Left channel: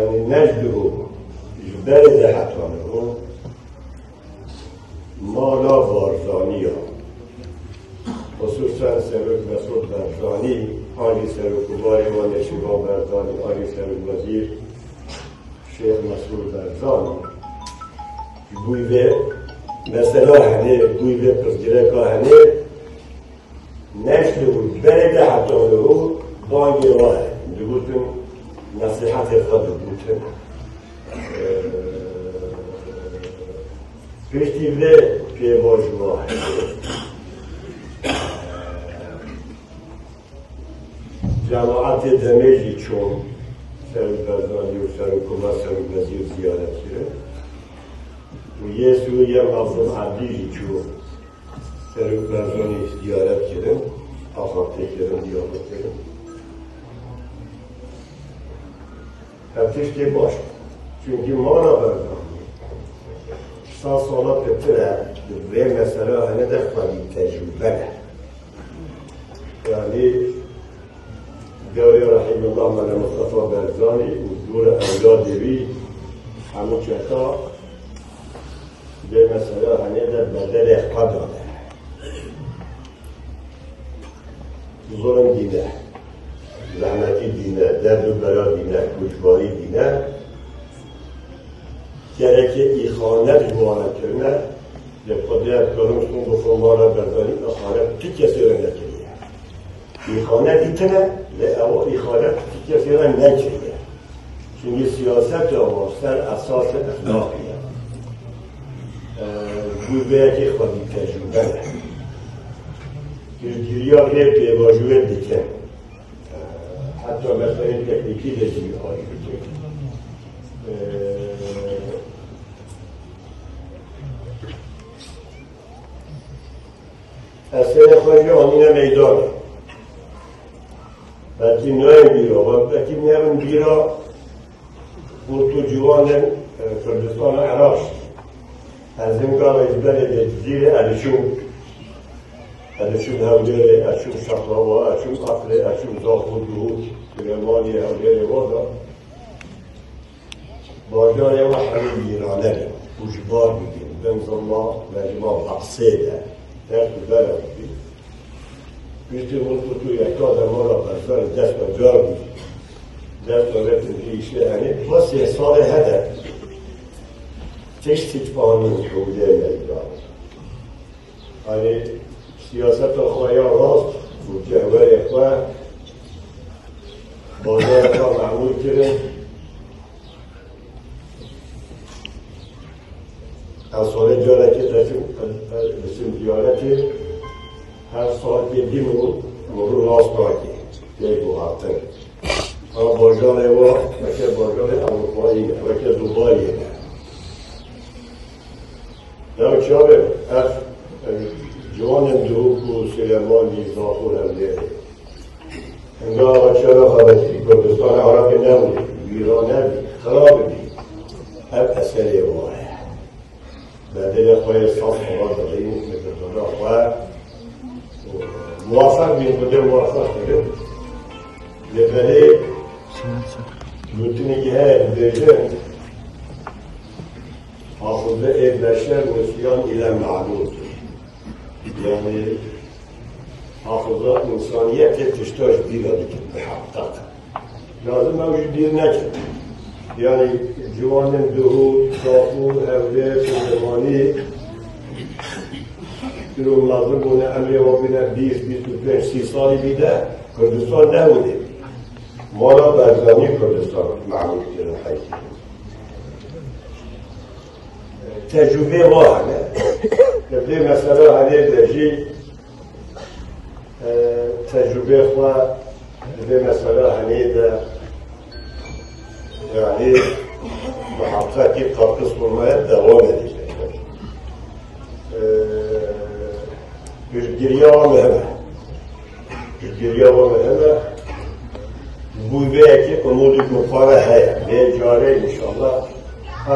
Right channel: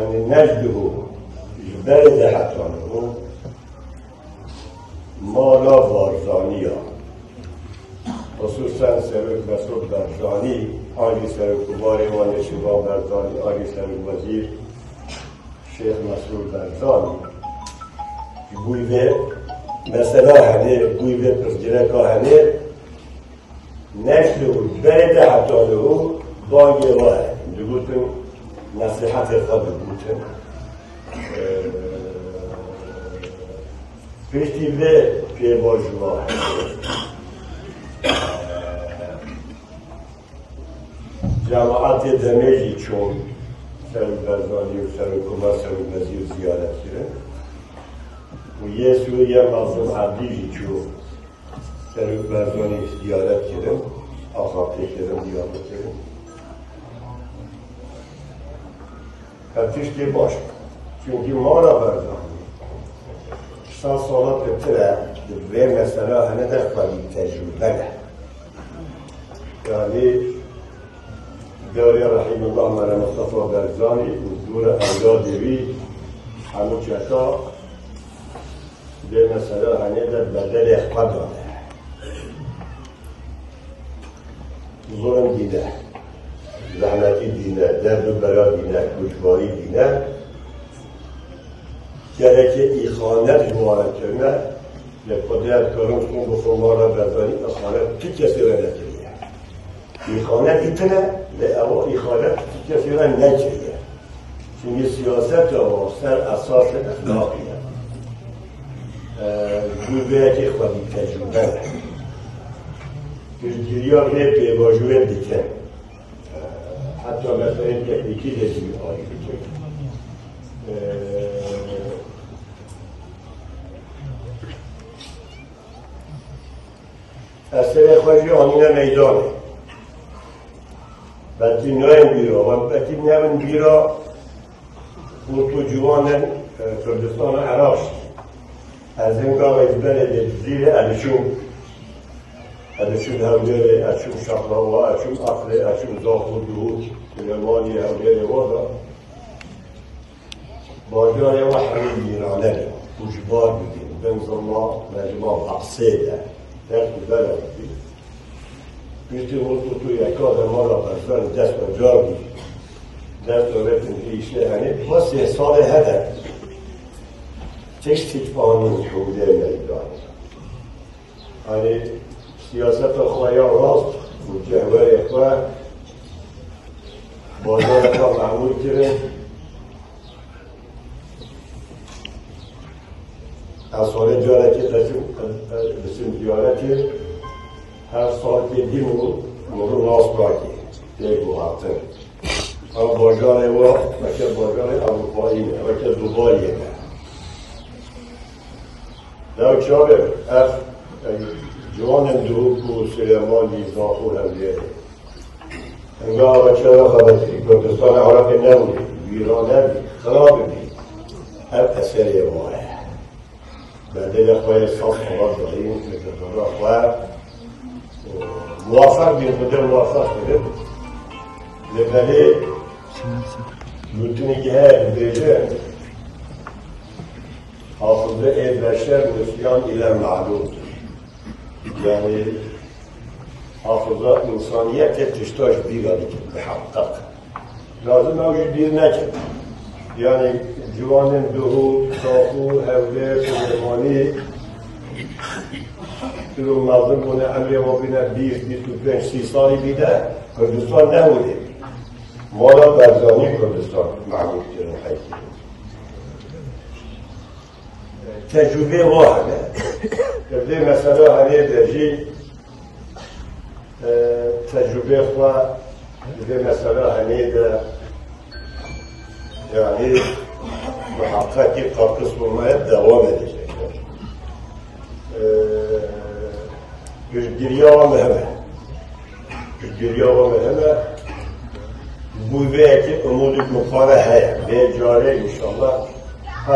يعني نجده جبال حتانه مالا بارزانيا خصوصا سرک مسعود برزانی آلی سرکوباری و نشیبان برزانی آلی سرک وزیر شیخ مسعود برزانی بوی به مثلا هنه بوی به پرزگره که هنه نشده بود برد حتانه بانگی واه بودن نصیحت خود بودن پشتی به پیواج واه جماعت دمیجی چون سرک برزانی و سرکوما سرک وزیر زیارت کرد و یه سویه مظلوم عبدیجی چون سرک برزانی زیارت کرد آخاته کرد دیابه کرد تفتیش باش چونکه ما را برزانی 100 سالات بتره دوی مثلا همه در خواهی تجربه نه یعنی داری رحیم الله من مصطفى برزانی حضور اولادی بی همون چطا به مثلا همه در بدل اخبار داده ظلم دینه زحمتی دینه درد و برا دینه کشباری دینه گره ایخانت جوانه کرنه به قدرت کرن کن بخون ما را برزانی اصلا کی کسی را نکریه ایخانت ایتنه به او ایخانت کی کسی را نکریه چون سیاست و سر اساس اخلاقیه گویه که خودی تجربه گیری ها به پیواجوه دیکن حتی مثلا این تکنیکی لزیمی هایی دیکن اصلا خواهی آنین میدان بکی نویم بیرا و بکی نویم بیرا تو جوان کردستان عراق از این گاه ازبر زیر علیشون هولیل اشون شخراوا اشون عقل اشون زاخو دهود سلیمانی هولیل وادا باجای و حمید میرانه کجبار بگیم بنظرما مجموع حقصه ده در کجبر بگیم بیتی بود تو یکا زمان را برزان دست و جار بود دست و بتون پیشه هنه باز یه سال هدف تشتیت بانون حوله میدان هنه سیاست خواهیان راست و جهوه اخواه بازار را معمول کرد از سال جاره که رسیم دیاره که هر سال که دی مرو راست راکی یک بحاطر اما بازار و وکر بازار اروپایی وکر دوبایی در چاره از جوان دروب و سلیمانی زاخور هم بیاره انگاه و چرا خواهد کردستان عراق نبودی ویران نبودی خراب بید هر اثری ماه بعد خواهی صاف خواهد داریم مثل خواهد موافق بید موافق بید لبنی لوتونی که هر دیجه حافظه بشر مسیان ایلم معلوم يعني حافظات إنسانية تشتاش بيها بحقق لازم موجود دين نجم يعني جوان الدهور صافور أولاد سليماني كلهم مظلومون أمري وبنا بيس 30 سالي بيده كردستان نبوده مالا برزاني كردستان معروف حيث تجربه ما هنه تبدیل مثلا هنه درجی تجربه خواه تبدیل مثلا هنه در یعنی محققی قاقص بومه دوام دیگه گریا و مهمه بوی به که امود مقاله هیا یه جاره انشاءالله